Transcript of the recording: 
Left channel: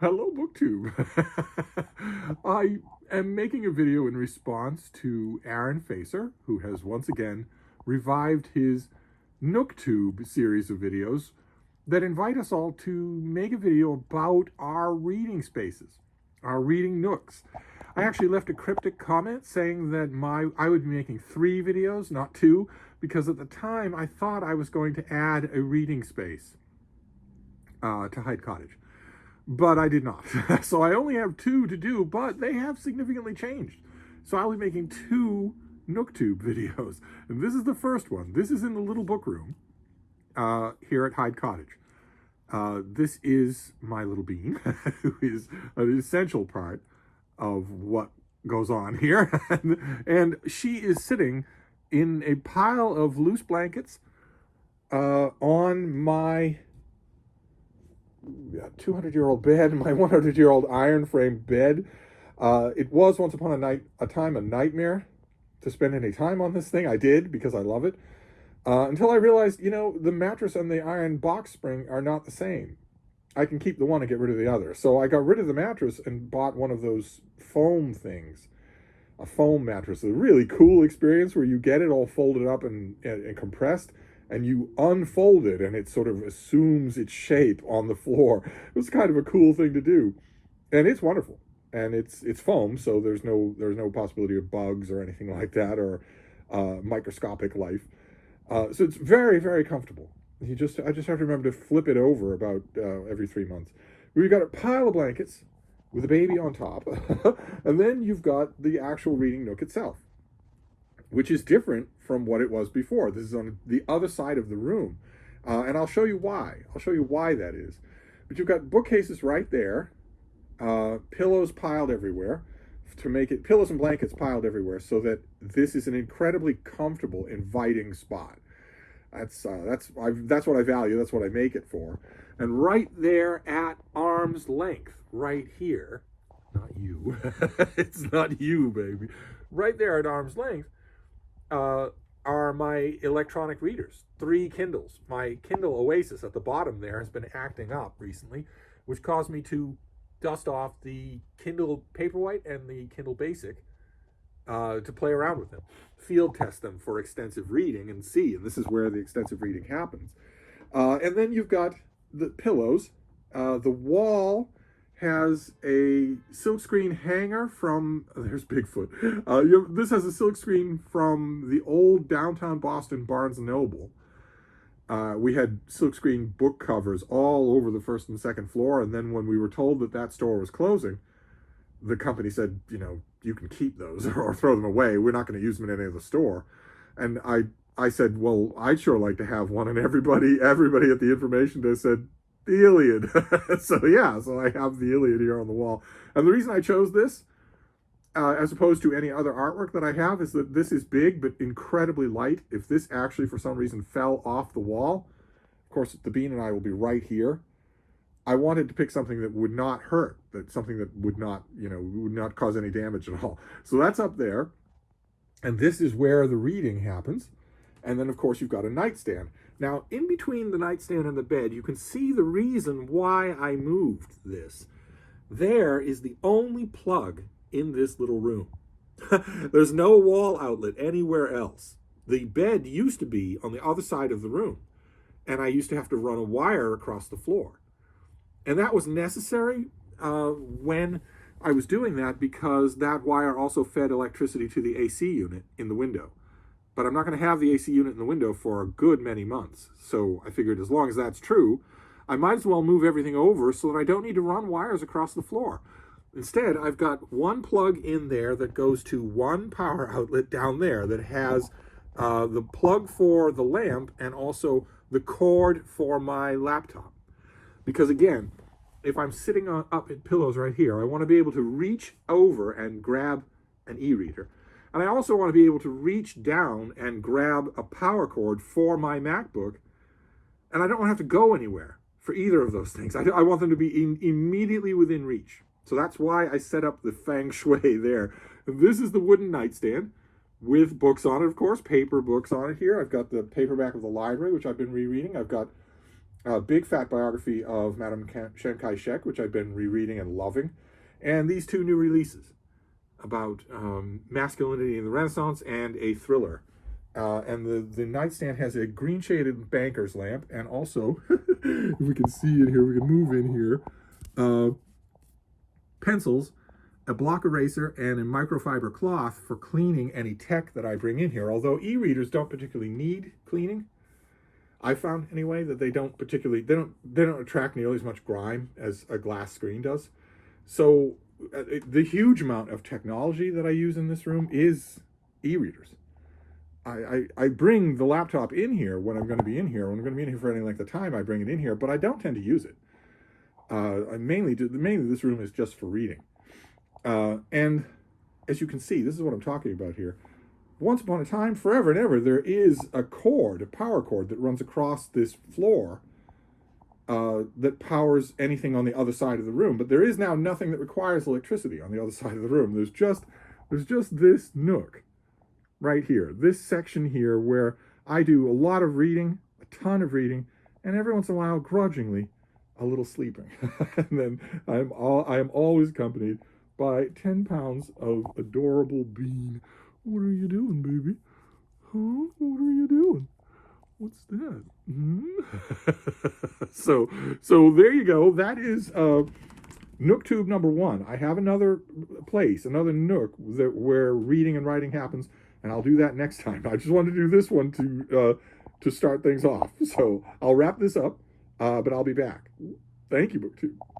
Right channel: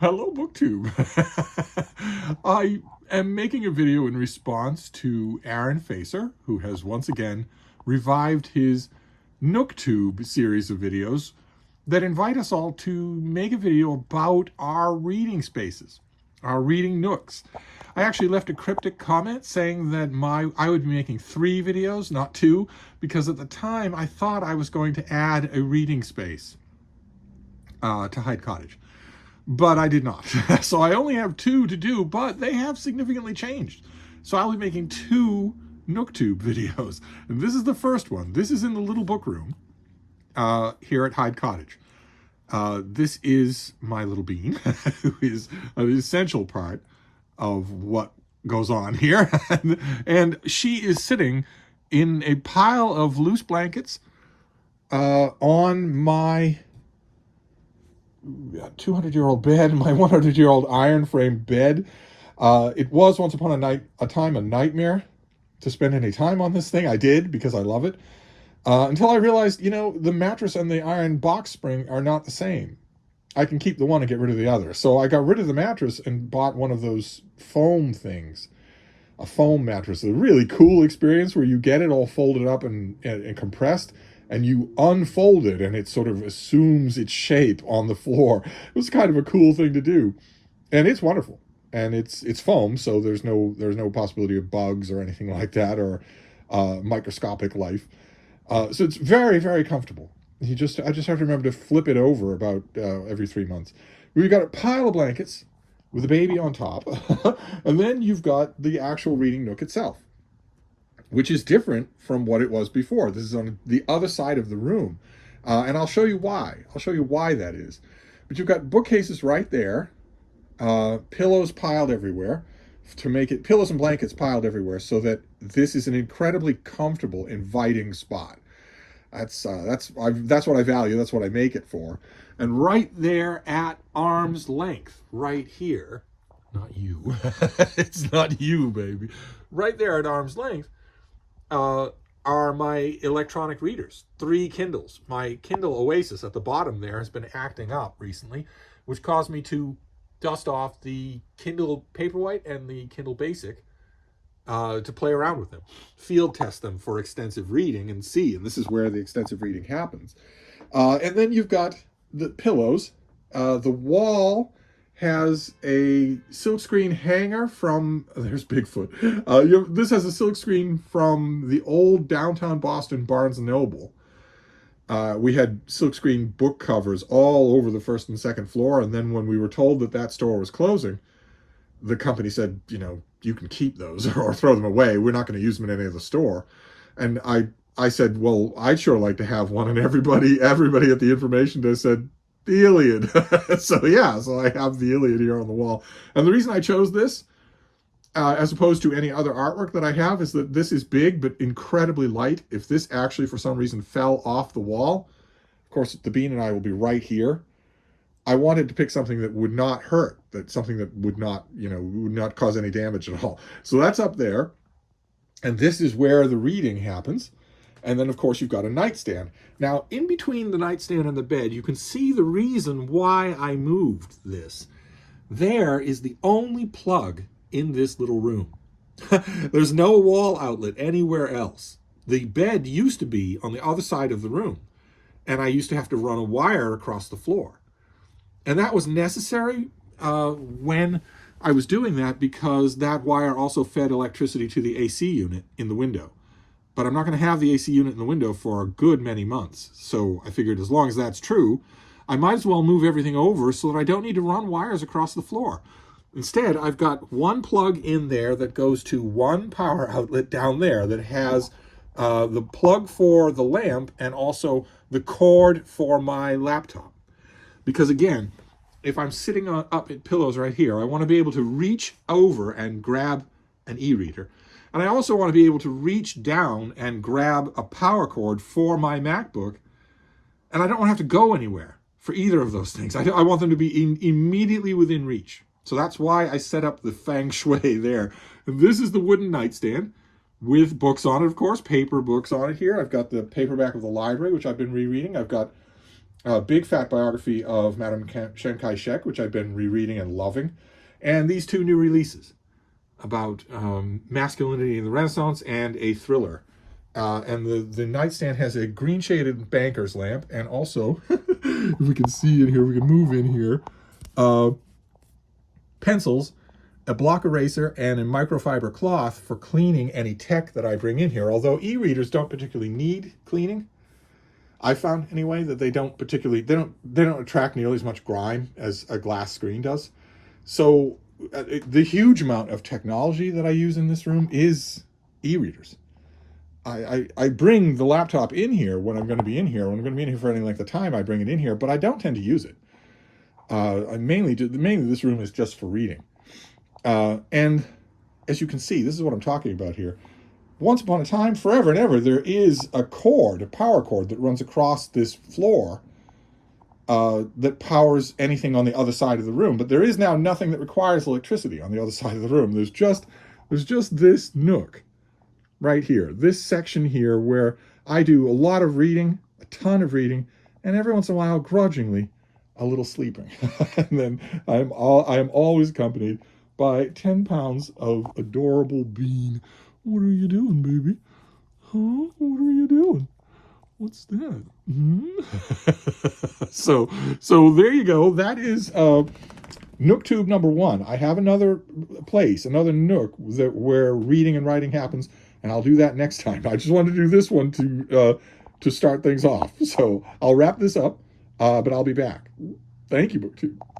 Hello, BookTube. I am making a video in response to Aaron Facer, who has once again revived his NookTube series of videos that invite us all to make a video about our reading spaces, our reading nooks. I actually left a cryptic comment saying that I would be making 3 videos, not 2, because at the time I thought I was going to add a reading space to Hyde Cottage. But I did not. So I only have 2 to do, but they have significantly changed. So I'll be making 2 NookTube videos. And this is the first one. This is in the little book room here at Hyde Cottage. This is my little bean, who is an essential part of what goes on here. And she is sitting in a pile of loose blankets on my 200-year-old bed, my 100-year-old iron frame bed. It was once upon a time a nightmare to spend any time on this thing. I did because I love it. Until I realized, the mattress and the iron box spring are not the same. I can keep the one and get rid of the other. So I got rid of the mattress and bought one of those foam things, a foam mattress. A really cool experience where you get it all folded up and compressed, and you unfold it and it sort of assumes its shape on the floor. It was kind of a cool thing to do. And it's wonderful. And it's foam, so there's no possibility of bugs or anything like that, or microscopic life. So it's very, very comfortable. I just have to remember to flip it over about every 3 months. We've got a pile of blankets with a baby on top. And then you've got the actual reading nook itself, which is different from what it was before. This is on the other side of the room. And I'll show you why. I'll show you why that is. But you've got bookcases right there, pillows piled everywhere, to make it, pillows and blankets piled everywhere, so that this is an incredibly comfortable, inviting spot. That's what I value. That's what I make it for. And right there at arm's length, right here, not you, it's not you, baby. Right there at arm's length, are my electronic readers, 3 Kindles. My Kindle Oasis at the bottom there has been acting up recently, which caused me to dust off the Kindle Paperwhite and the Kindle Basic to play around with them, field test them for extensive reading and see. And this is where the extensive reading happens. And then you've got the pillows. The wall has a silkscreen hanger from, there's Bigfoot. This has a silkscreen from the old downtown Boston Barnes & Noble. We had silkscreen book covers all over the 1st and 2nd floor. And then when we were told that that store was closing, the company said, you can keep those or throw them away. We're not going to use them in any other store. And I said, well, I'd sure like to have one. And everybody at the information desk said, the Iliad. So I have the Iliad here on the wall. And the reason I chose this, as opposed to any other artwork that I have, is that this is big but incredibly light. If this actually for some reason fell off the wall, of course the bean and I will be right here. I wanted to pick something that would not hurt, something that would not cause any damage at all. So that's up there. And this is where the reading happens. And then, of course, you've got a nightstand. Now, in between the nightstand and the bed, you can see the reason why I moved this. There is the only plug in this little room. There's no wall outlet anywhere else. The bed used to be on the other side of the room, and I used to have to run a wire across the floor. And that was necessary when I was doing that, because that wire also fed electricity to the AC unit in the window. But I'm not going to have the AC unit in the window for a good many months. So I figured as long as that's true, I might as well move everything over so that I don't need to run wires across the floor. Instead, I've got one plug in there that goes to one power outlet down there that has the plug for the lamp and also the cord for my laptop. Because again, if I'm sitting up at pillows right here, I want to be able to reach over and grab an e-reader. And I also want to be able to reach down and grab a power cord for my MacBook. And I don't want to have to go anywhere for either of those things. I want them to be immediately within reach. So that's why I set up the feng shui there. And this is the wooden nightstand with books on it, of course, paper books on it here. I've got the paperback of the library, which I've been rereading. I've got a big fat biography of Madame Chiang Kai-shek, which I've been rereading and loving, and these two new releases about masculinity in the Renaissance and a thriller. And the nightstand has a green shaded banker's lamp, and also, if we can see in here, we can move in here, pencils, a block eraser, and a microfiber cloth for cleaning any tech that I bring in here. Although e-readers don't particularly need cleaning, I found anyway that they don't attract nearly as much grime as a glass screen does. So the huge amount of technology that I use in this room is e-readers. I bring the laptop in here when I'm going to be in here. When I'm going to be in here for any length of time, I bring it in here, but I don't tend to use it. Mainly this room is just for reading. And as you can see, this is what I'm talking about here. Once upon a time, forever and ever, there is a cord, a power cord that runs across this floor that powers anything on the other side of the room. But there is now nothing that requires electricity on the other side of the room. There's just this nook right here, this section here where I do a lot of reading, a ton of reading, and every once in a while, grudgingly, a little sleeping. And then I am always accompanied by 10 pounds of adorable bean. What are you doing, baby? Huh? What are you doing? What's that? So there you go. That is NookTube number 1. I have another place, another nook where reading and writing happens, and I'll do that next time. I just wanted to do this one to start things off. So I'll wrap this up, but I'll be back. Thank you, BookTube.